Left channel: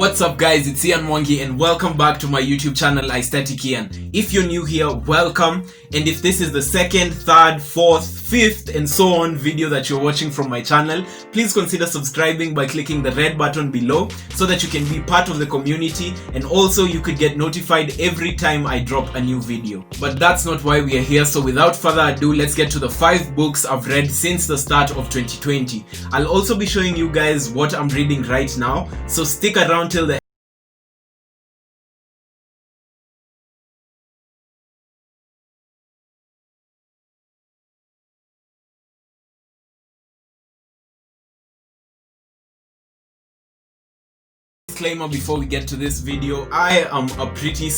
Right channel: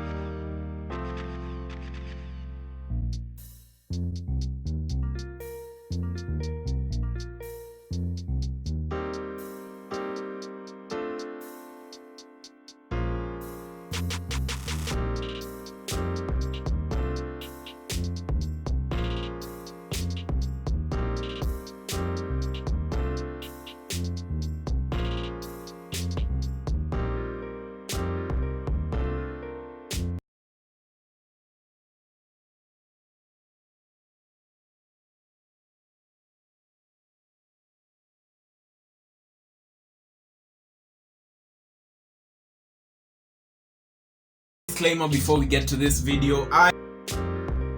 What's up guys, it's Ian Mwangi and welcome back to my YouTube channel Aesthetic Ian. If you're new here, welcome, and if this is the second, third, fourth, fifth and so on video that you're watching from my channel, please consider subscribing by clicking the red button below so that you can be part of the community, and also you could get notified every time I drop a new video. But that's not why we are here, so without further ado, let's get to the 5 books I've read since the start of 2020. I'll also be showing you guys what I'm reading right now, so stick around till the disclaimer before we get to this video. I am a pretty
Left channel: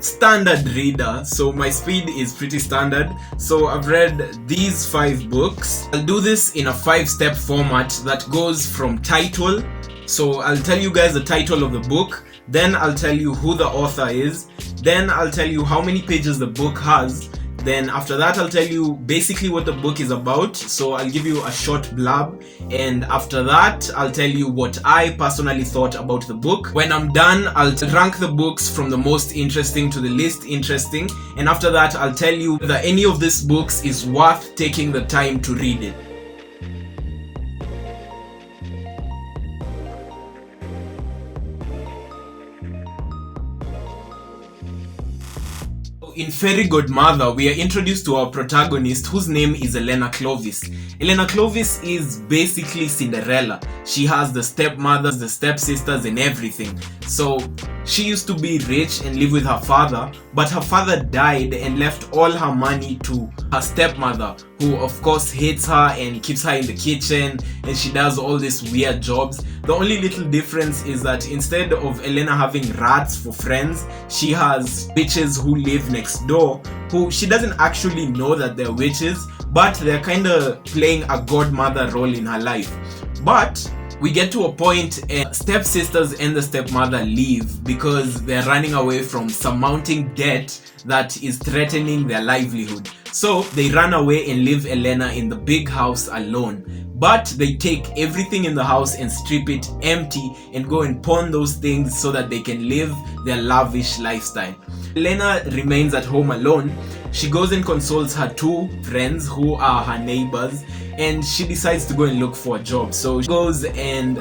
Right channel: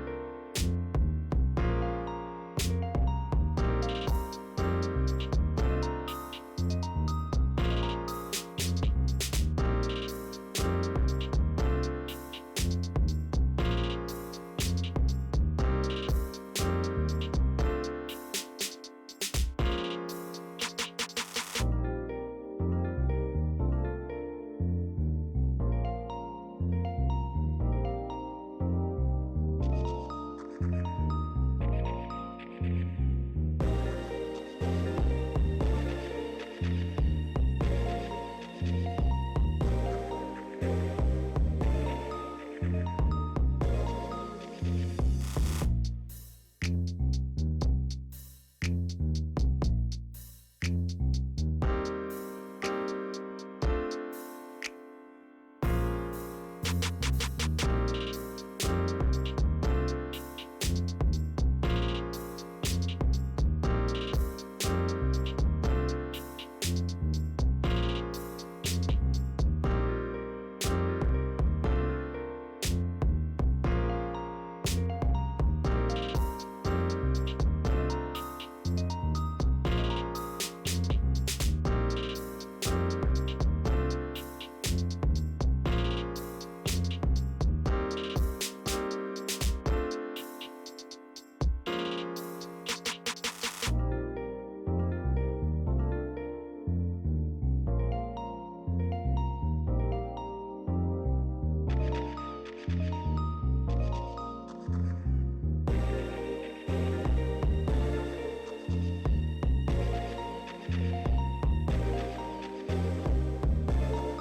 standard reader, so my speed is pretty standard. So I've read these 5 books. I'll do this in a 5-step format that goes from title. So I'll tell you guys the title of the book, then I'll tell you who the author is, then I'll tell you how many pages the book has, then after that I'll tell you basically what the book is about. So I'll give you a short blurb, and after that I'll tell you what I personally thought about the book. When I'm done, I'll rank the books from the most interesting to the least interesting, and after that I'll tell you that any of these books is worth taking the time to read it. In Fairy Godmother, we are introduced to our protagonist, whose name is Elena Clovis. Elena Clovis is basically Cinderella. She has the stepmothers, the stepsisters and everything. So she used to be rich and live with her father, but her father died and left all her money to her stepmother, who of course hates her and keeps her in the kitchen, and she does all these weird jobs. The only little difference is that instead of Elena having rats for friends, she has witches who live next door, who she doesn't actually know that they're witches, but they're kind of playing a godmother role in her life. But we get to a point and stepsisters and the stepmother leave because they're running away from some mounting debt that is threatening their livelihood. So they run away and leave Elena in the big house alone. But they take everything in the house and strip it empty and go and pawn those things so that they can live their lavish lifestyle. Elena remains at home alone. She goes and consoles her 2 friends who are her neighbors, and she decides to go and look for a job. So she goes and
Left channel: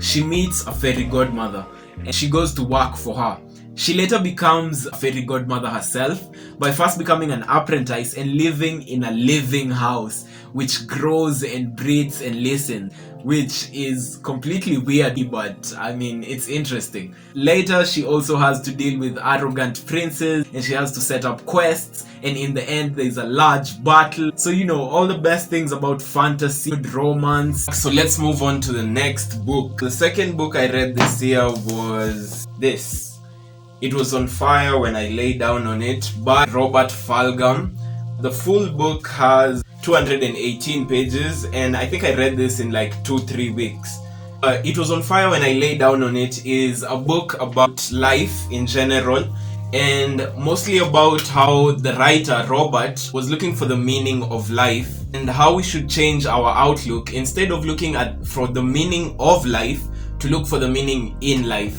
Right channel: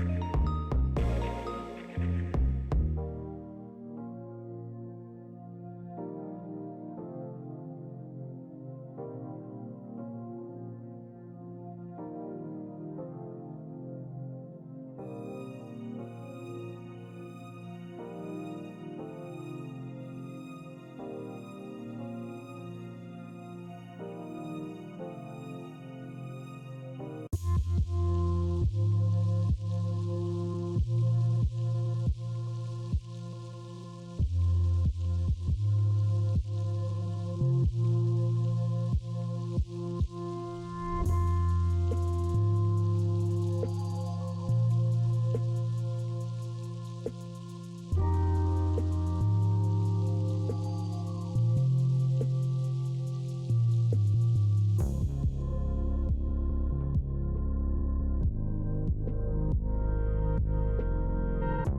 she meets a fairy godmother and she goes to work for her. She later becomes a fairy godmother herself by first becoming an apprentice and living in a living house which grows and breathes and listens, which is completely weird, but I mean, it's interesting. Later she also has to deal with arrogant princes and she has to set up quests, and in the end there's a large battle. So you know, all the best things about fantasy, romance. So let's move on to the next book. The second book I read this year was this. It was On Fire When I Lay Down on It by Robert Fulghum. The full book has 218 pages, and I think I read this in like 2-3 weeks. It Was On Fire When I Lay Down on It is a book about life in general, and mostly about how the writer Robert was looking for the meaning of life and how we should change our outlook, instead of looking for the meaning of life, to look for the meaning in life.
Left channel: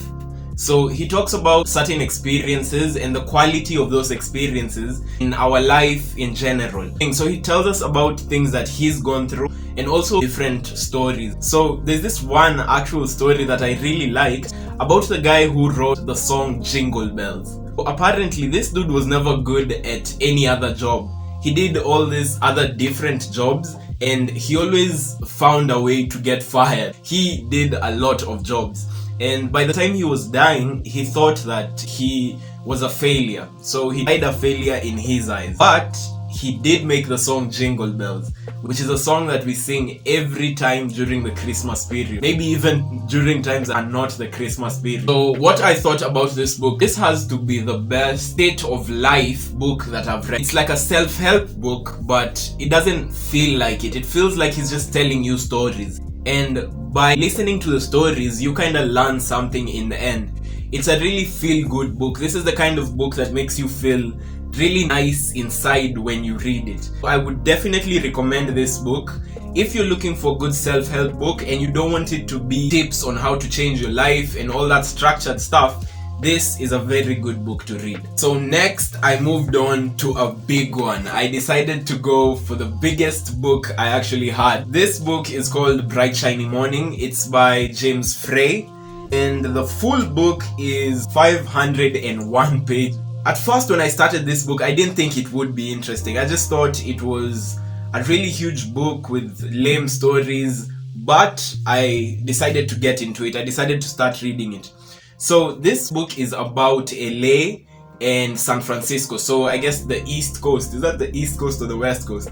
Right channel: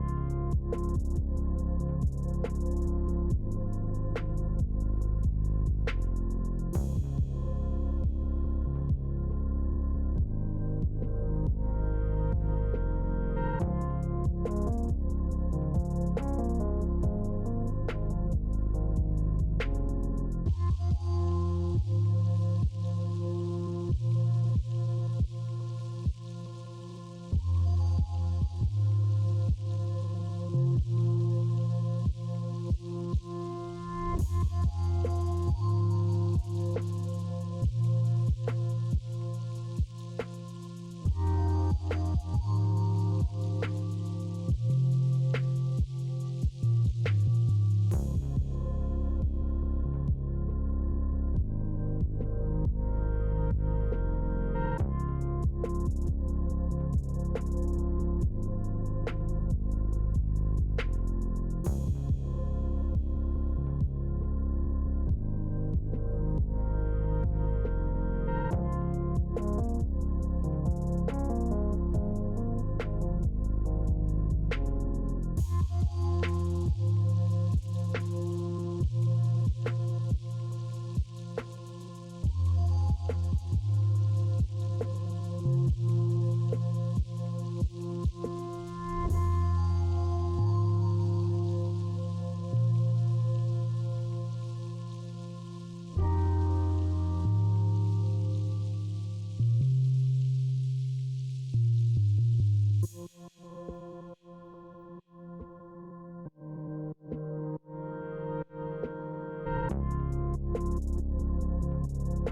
So he talks about certain experiences and the quality of those experiences in our life in general. So he tells us about things that he's gone through and also different stories. So there's this one actual story that I really liked about the guy who wrote the song Jingle Bells. Apparently this dude was never good at any other job. He did all these other different jobs and he always found a way to get fired. He did a lot of jobs. And by the time he was dying, he thought that he was a failure. So he died a failure in his eyes. But he did make the song Jingle Bells, which is a song that we sing every time during the Christmas period. Maybe even during times that are not the Christmas period. So what I thought about this book, this has to be the best state of life book that I've read. It's like a self-help book, but it doesn't feel like it. It feels like he's just telling you stories. And by listening to the stories, you kind of learn something in the end. It's a really feel-good book. This is the kind of book that makes you feel really nice inside when you read it. I would definitely recommend this book. If you're looking for a good self-help book and you don't want it to be tips on how to change your life and all that structured stuff, this is a very good book to read. So next, I moved on to a big one. I decided to go for the biggest book I actually had. This book is called Bright Shiny Morning. It's by James Frey, and the full book is 501 pages. At first, when I started this book, I didn't think it would be interesting. I just thought it was a really huge book with lame stories, but I decided to get into it. I decided to start reading it. So this book is about LA and San Francisco. So I guess the East Coast. Is that the East Coast or the West Coast?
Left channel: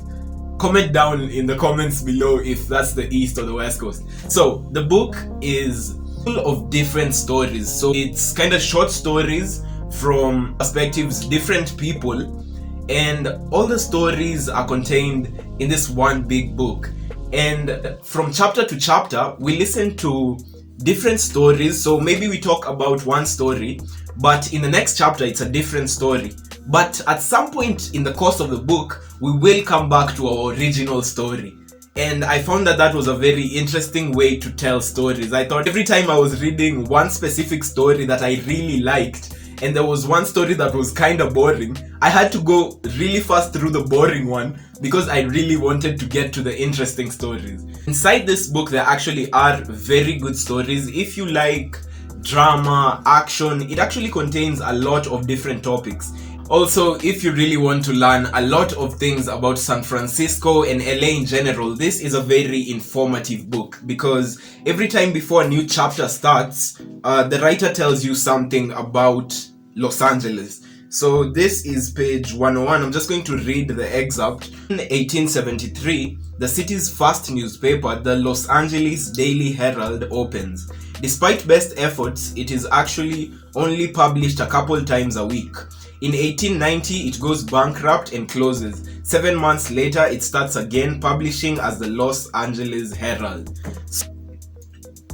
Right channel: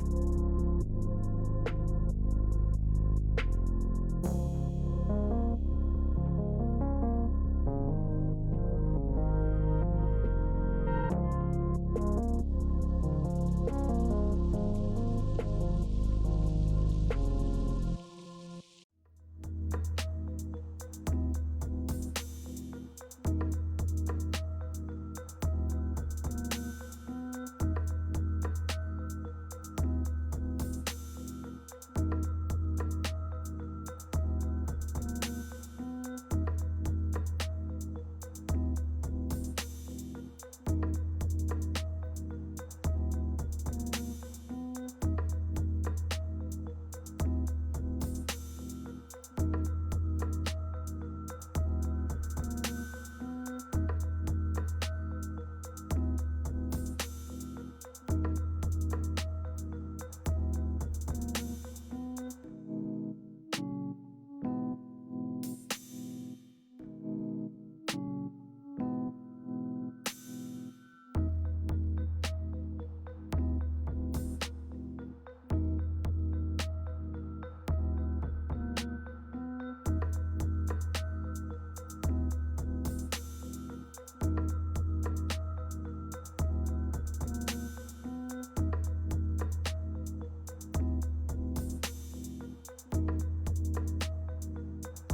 Comment down in the comments below if that's the East or the West Coast. So the book is full of different stories. So it's kind of short stories from perspectives, different people, and all the stories are contained in this one big book. And from chapter to chapter, we listen to different stories. So maybe we talk about one story, but in the next chapter it's a different story. But at some point in the course of the book, we will come back to our original story. And I found that was a very interesting way to tell stories. I thought every time I was reading one specific story that I really liked, and there was one story that was kind of boring, I had to go really fast through the boring one because I really wanted to get to the interesting stories. Inside this book, there actually are very good stories. If you like drama, action, it actually contains a lot of different topics. Also, if you really want to learn a lot of things about San Francisco and LA in general, this is a very informative book because every time before a new chapter starts, the writer tells you something about Los Angeles. So this is page 101. I'm just going to read the excerpt. In 1873, the city's first newspaper, the Los Angeles Daily Herald, opens. Despite best efforts, it is actually only published a couple times a week. In 1890, it goes bankrupt and closes. 7 months later, it starts again, publishing as the Los Angeles Herald.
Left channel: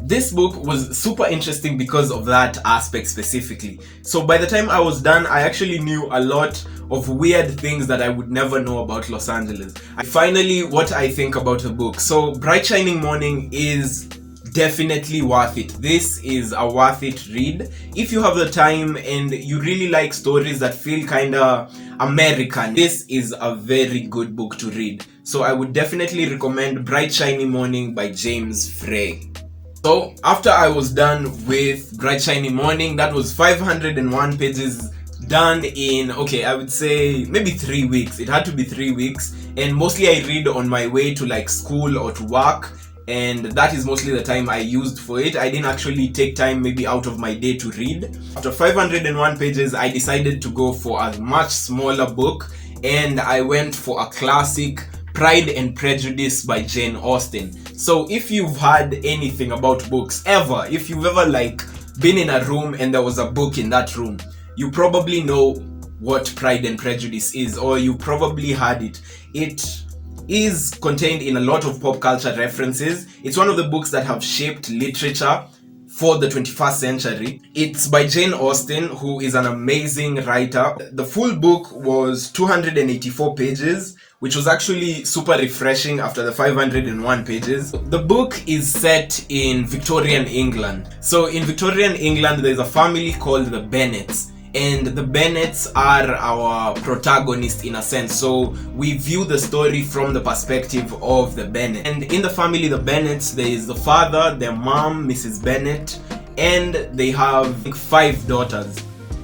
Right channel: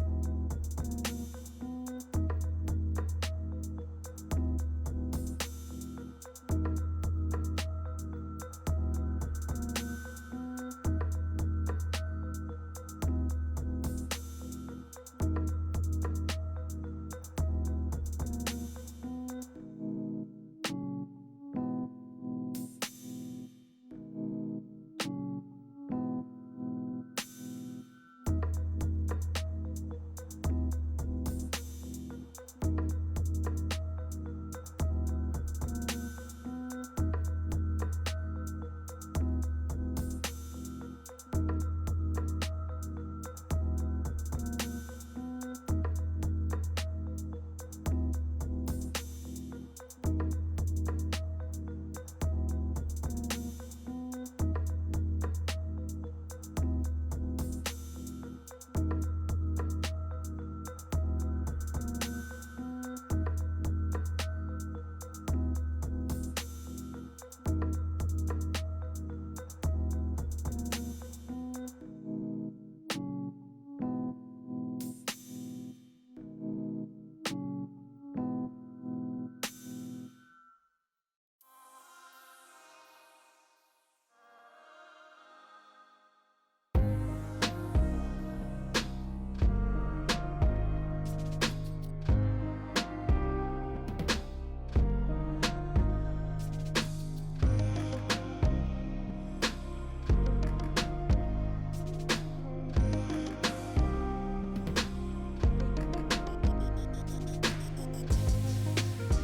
This book was super interesting because of that aspect specifically. So by the time I was done, I actually knew a lot of weird things that I would never know about Los Angeles. Finally, what I think about the book. So Bright Shining Morning is definitely worth it. This is a worth it read. If you have the time and you really like stories that feel kind of American, this is a very good book to read. So I would definitely recommend Bright Shiny Morning by James Frey. So after I was done with Bright Shiny Morning, that was 501 pages done in, okay, I would say maybe 3 weeks. It had to be 3 weeks, and mostly I read on my way to like school or to work, and that is mostly the time I used for it. I didn't actually take time maybe out of my day to read. After 501 pages, I decided to go for a much smaller book, and I went for a classic, Pride and Prejudice by Jane Austen. So if you've heard anything about books ever, if you've ever like been in a room and there was a book in that room, you probably know what Pride and Prejudice is, or you probably heard it. It is contained in a lot of pop culture references. It's one of the books that have shaped literature for the 21st century. It's by Jane Austen, who is an amazing writer. The full book was 284 pages, which was actually super refreshing after the 501 pages. The book is set in Victorian England. So in Victorian England, there's a family called the Bennets. And the Bennets are our protagonist in a sense. So we view the story from the perspective of the Bennet. And in the family, the Bennets, there is the father, their mom, Mrs. Bennet, and they have 5 daughters.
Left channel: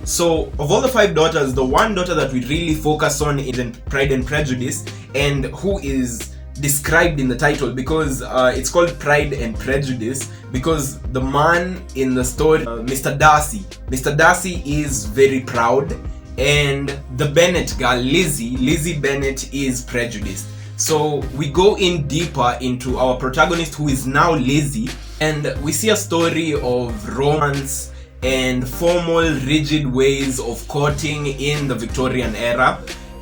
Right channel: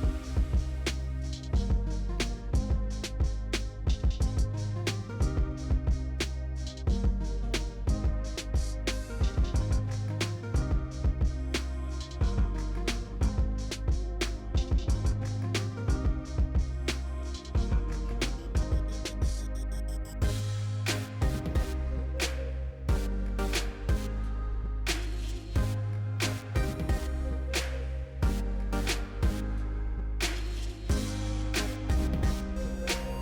So of all the 5 daughters, the one daughter that we really focus on is in Pride and Prejudice, and who is described in the title because it's called Pride and Prejudice because the man in the story, Mr. Darcy is very proud, and the Bennet girl, Lizzie Bennet, is prejudiced. So we go in deeper into our protagonist, who is now Lizzie, and we see a story of romance and formal, rigid ways of courting in the Victorian era.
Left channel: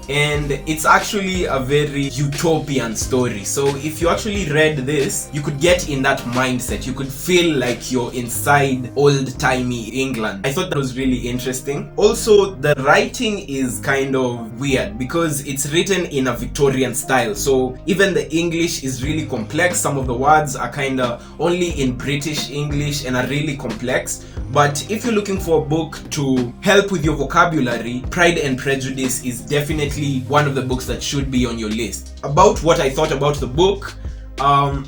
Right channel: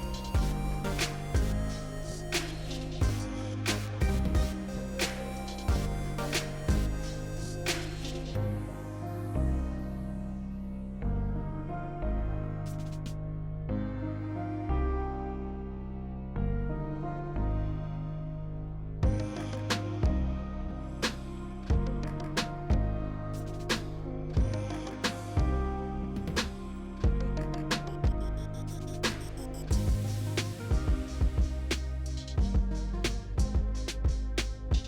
and it's actually a very utopian story. So if you actually read this, you could get in that mindset. You could feel like you're inside old-timey England. I thought that was really interesting. Also, the writing is kind of weird because it's written in a Victorian style. So even the English is really complex. Some of the words are kind of only in British English and are really complex. But if you're looking for a book to help with your vocabulary, Pride and Prejudice is definitely one of the books that should be on your list. About what I thought about the book,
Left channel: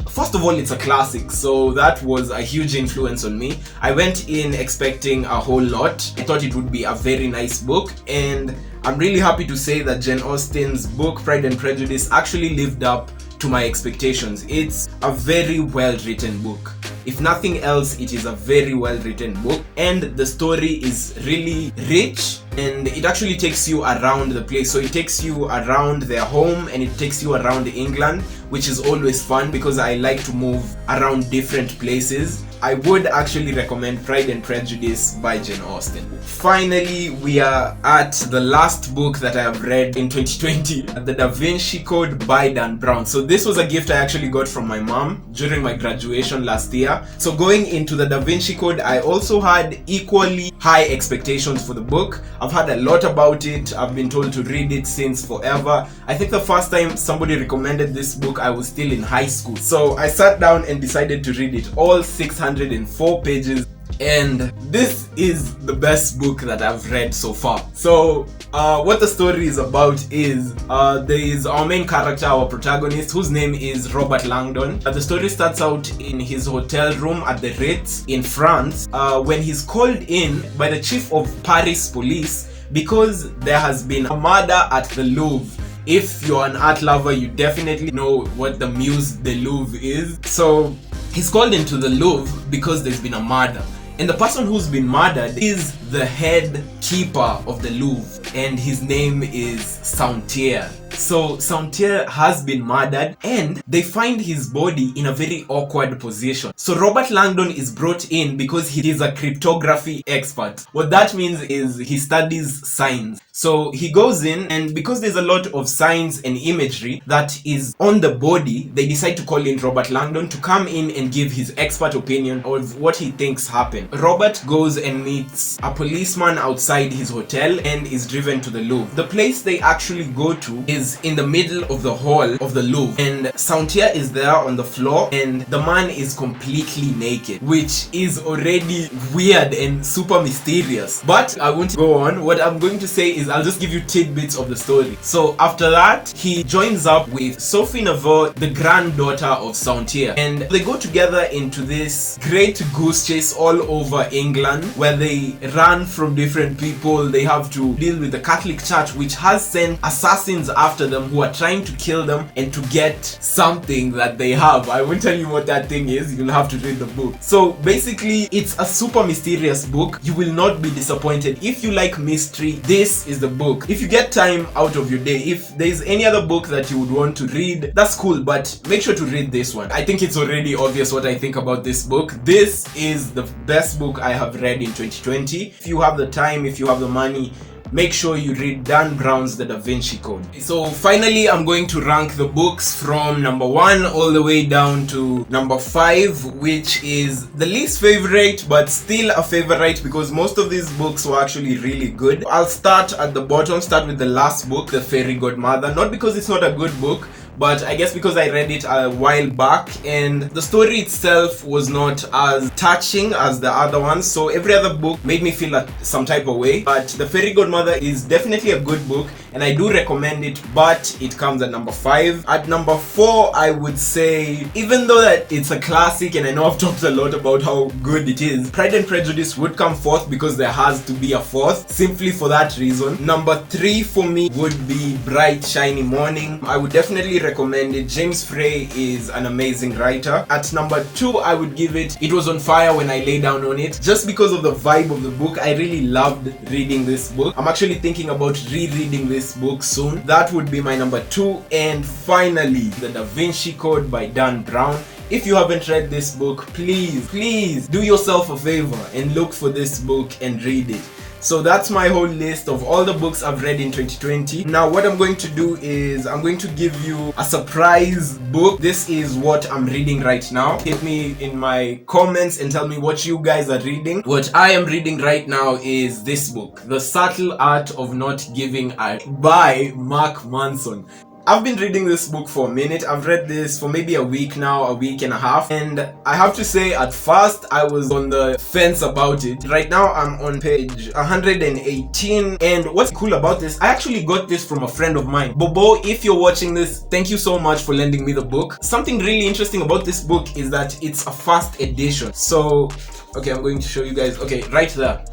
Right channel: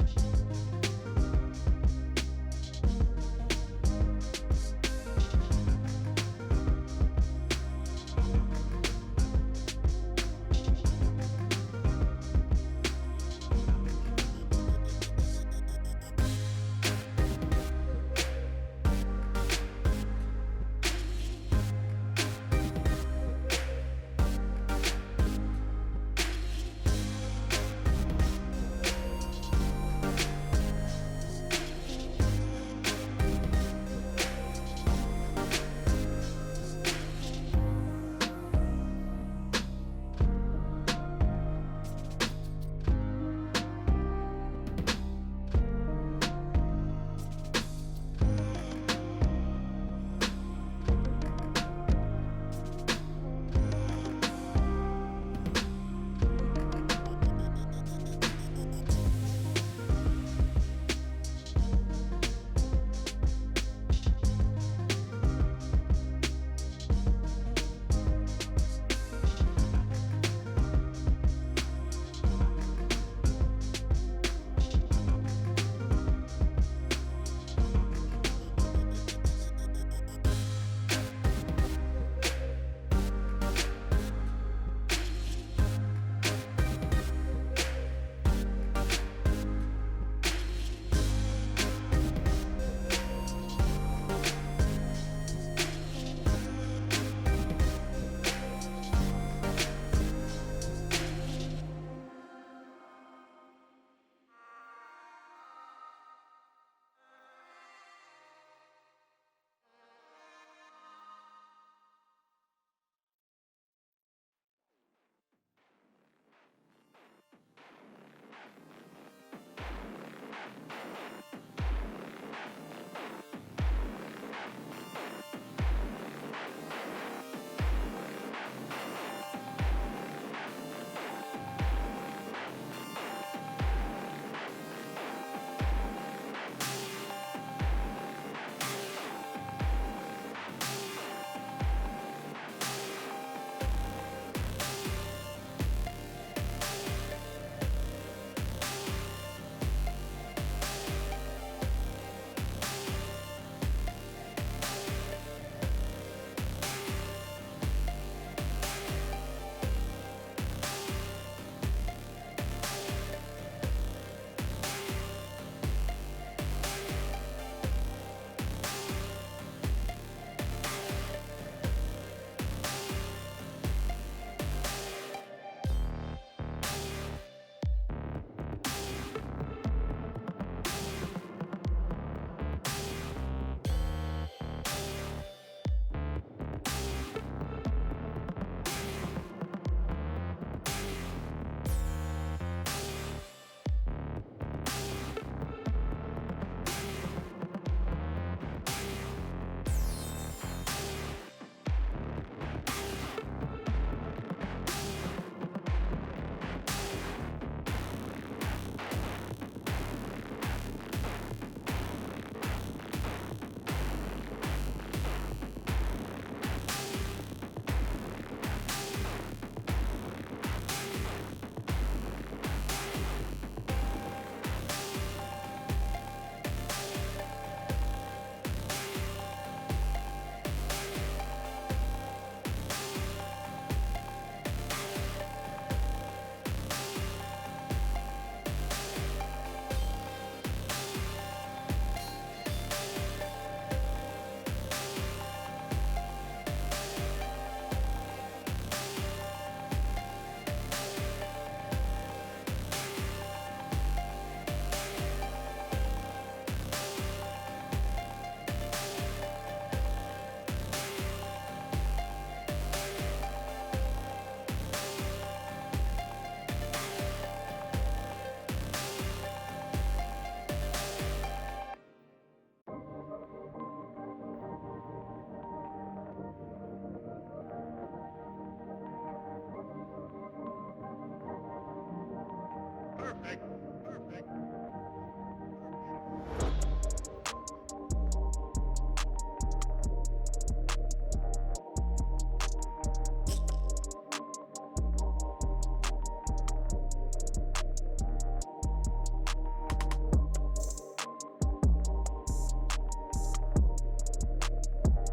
first of all, it's a classic, so that was a huge influence on me. I went in expecting a whole lot. I thought it would be a very nice book, and I'm really happy to say that Jane Austen's book Pride and Prejudice actually lived up to my expectations. It's a very well written book. If nothing else, it is a very well written book, and the story is really rich, and it actually takes you around the place. So it takes you around their home and it takes you around England, which is always fun because I like to move around different places. I would actually recommend Pride and Prejudice by Jane Austen. Finally, we are at the last book that I have read in 2020, The Da Vinci Code by Dan Brown. So this was a gift I actually got from my mom during my graduation last year. So going into The Da Vinci Code, I also had equally high expectations for the book. I've heard a lot about it. I've been told to read it since forever. I think the first time somebody recommended this book, I was still in high school. So I sat down and decided to read it, all 604 pages. And this is the best book that I've read so far. So what the story is about is there is our main character, our protagonist, whose name is Robert Langdon. The story starts out in his hotel room at the Ritz in France when he's called in by the chief of Paris police because there has been a murder at the Louvre. If you're an art lover, you definitely know what the Muse de Louvre is. So he's called into the Louvre because there's been a murder. And the person who's been murdered is the head keeper of the Louvre, and his name is Sauntier. So Sauntier has been murdered, and they find his body in a very awkward position. So Robert Langdon is brought in because he is a cryptography expert. What that means is he studies signs. So he goes in, and because there's a lot of signs and imagery that is on the body, they decide to call in Robert Langdon to come in and give his expert opinion of what he thinks happened. Robert goes and meets a policeman outside his hotel and is driven to the Louvre. The place they actually go to is in the middle of the hall of the Louvre, and Sauntier is there on the floor, and the man is completely naked, which is already weird and super mysterious. But I won't go on. What I'm going to say is I'll just give you tidbits of the story. So after that, he joins up with Sophie Neveu, the granddaughter of Sauntier, and they go together into this great goose chase all over England where they run from different people. They have to deal with the Catholic Church, which has sent assassins after them who are trying to kill them and to get something that they have. I won't tell you what that thing is. You'll have to read the book. So basically, it's a super mysterious book. You will not be disappointed. If you like mystery, this is the book. If you get time out of your day, if there's any other book that you would want to read, that's cool, but make sure to read this one. I think it's already obvious what I think about this book. This is the best book I have read in 2020. If you have the time, if you have the money, make sure you read Dan Brown's The Da Vinci Code. So finally, I'm going to rank the books from number 1 all the way down to number 5, which is the least favorite, but still a favorite because most of these books were actually really good. I'll start at the bottom, start with the last book, The Fairy Godmother. Not because it's not a good book, but I guess because I read it a while back and the story itself was not as touching as the other ones, so every other book made me feel like some type of way. But The Fairy Godmother is definitely a good book and I do recommend it, but it comes at number 5. At number 4, I would say, even though that it's a classic and I know I've talked a lot about how good it is, Pride and Prejudice would come 4th because there has to be a 4th, simply for that reason. Number 3 for me would be Bright Shiny Morning. I would definitely recommend it. James Frey is an amazing writer. At number 2, I would give it It Was on Fire When I Lay Down on It, just because of the vibe of the book. I really loved reading this book. I'm actually thinking about rereading this book soon. That would be my number 2. And finally, The Da Vinci Code by Dan Brown. If you haven't read this book, please do yourself a favor and look for this book and read it. So that's my whole list of all the books I've read in 2020. Now what I'm going to do is I'm going to give you a surprise book. This is what I'm reading right now. Hit me in my comments and tell me what you guys are reading. What I am reading right now is this book, The Subtle Art of Not Giving a by Mark Manson. I've been reading this book for a minute. I've read this for maybe a week now, a week and a half. And I have to say, at first, I was on the fence about it. Right now, I'm on page 118. And what's cool about this, I actually got this from a friend of mine. Bobo, if you're watching this, thank you so much for lending me the book. Something really interesting about this book is that it's a first edition. So, okay, I'm going to show you guys. Okay, right there.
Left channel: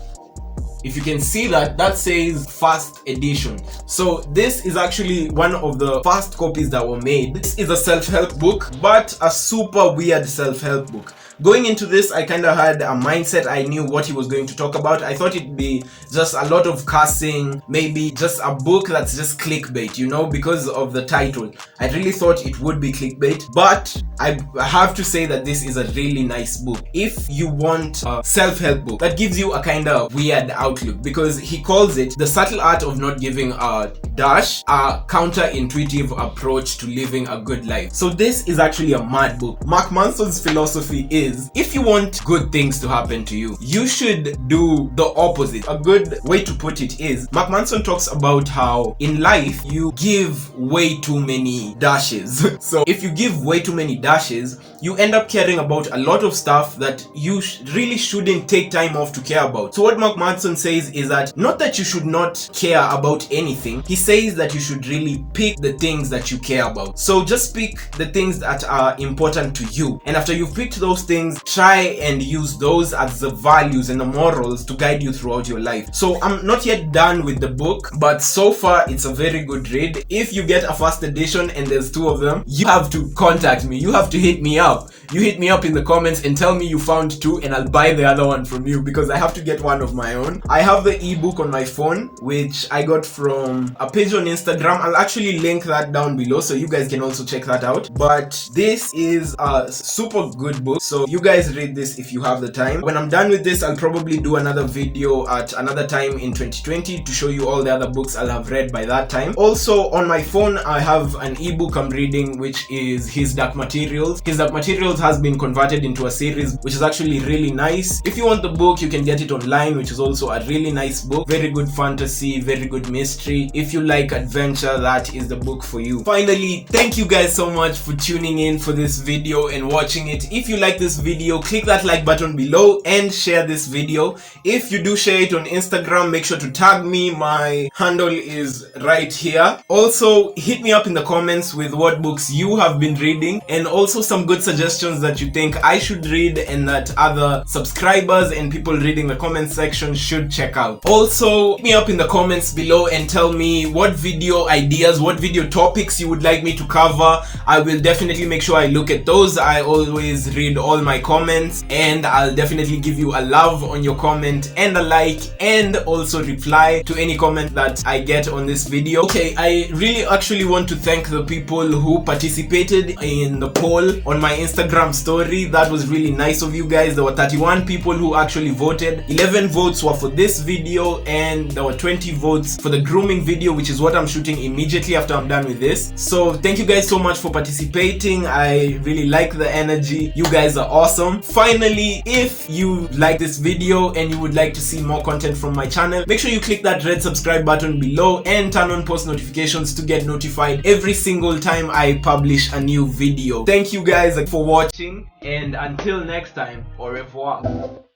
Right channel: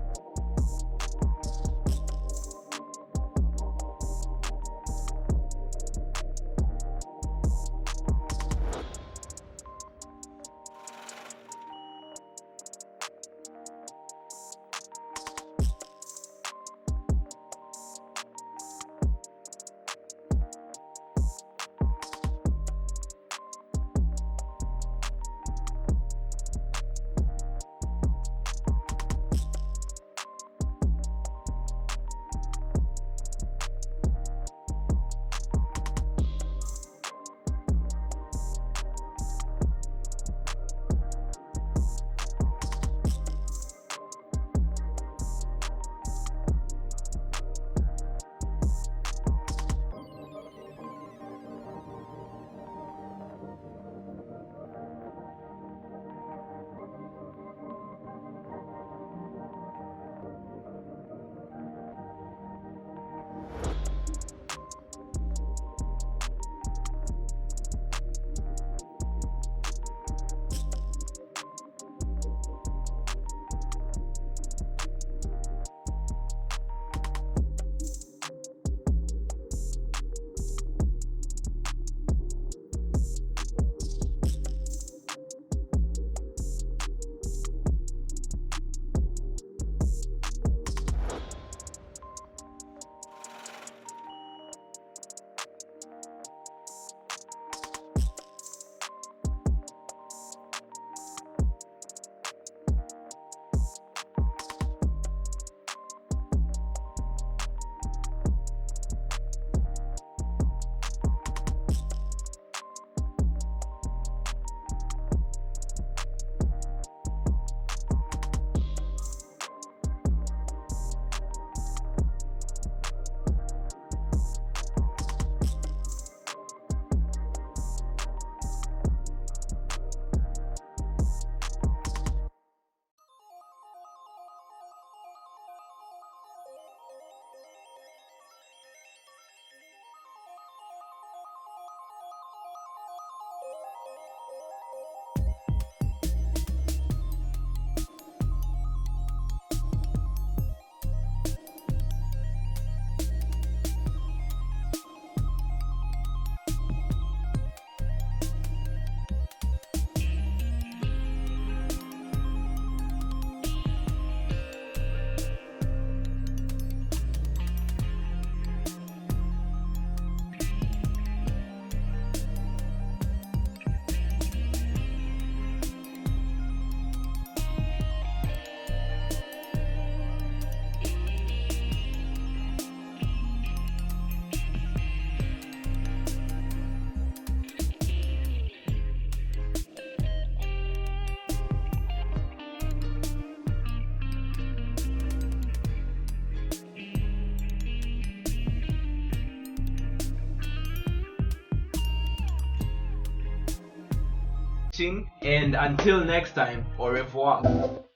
If you can see that, that says first edition. So this is actually one of the first copies that were made. This is a self-help book, but a super weird self-help book. Going into this, I kind of had a mindset. I knew what he was going to talk about. I thought it'd be just a lot of cussing, maybe just a book that's just clickbait, you know, because of the title. I really thought it would be clickbait, but I have to say that this is a really nice book. If you want a self-help book that gives you a kind of weird outlook, because he calls it The Subtle Art of Not Giving a Dash, a counterintuitive approach to living a good life. So this is actually a mad book. Mark Manson's philosophy is, if you want good things to happen to you, you should do the opposite. A good way to put it is, Mark Manson talks about how in life you give way too many dashes. So if you give way too many dashes, you end up caring about a lot of stuff that you really shouldn't take time off to care about. So what Mark Manson says is that, not that you should not care about anything, he says that you should really pick the things that you care about. So just pick the things that are important to you, and after you've picked those things, try and use those as the values and the morals to guide you throughout your life. So I'm not yet done with the book, but so far it's a very good read. If you get a first edition and there's two of them, you have to contact me. You have to hit me up. You hit me up in the comments and tell me you found two, and I'll buy the other one from you, because I have to get one of my own. I have the ebook on my phone, which I got from a page on Instagram. I'll actually link that down below so you guys can also check that out. But this is a super good book, so you guys read this if you have the time. When I'm done with this, I'll probably do another video at another time in 2020 to show you all the other books I'll have read by that time. Also on my phone, I have an ebook I'm reading, which is His Dark Materials. His Dark Materials has been converted into a series, which is actually really nice. If you want the book, you can get it online, which is also a really nice book. Very good fantasy, very good mystery. If you like adventure, that is the book for you. Finally, thank you guys so much for tuning in for this video and watching it. If you like this video, click that like button below and share this video. If you do share it on Instagram, make sure to tag me. My handle is right here. Also, hit me up in the comments with what books you have been reading, and also some good suggestions that you think I should read and that other subscribers and people reading the comment section should check out. Also, hit me up in the comments below and tell me what video ideas, what video topics you would like me to cover. I will definitely make sure I look at those. I always read all my comments, and I'll definitely give you a love on your comment and a like, and also reply to any comment that I get on this video. Okay, I really actually want to thank the people who participated in the poll on my Instagram story. That was really nice of you guys. There were 31 people who actually voted. 11 votes were for this video, and there were 20 votes for the grooming video, which is what I'm shooting immediately after I'm done with this. So thank you guys so much for participating. I really like the energy. You guys are awesome. Finally, if you like this video and you would like to see more content from my channel, make sure you click that red subscribe button below and turn on post notifications to get notified every single time I publish a new video. Thank you guys for watching, and until next time, au revoir.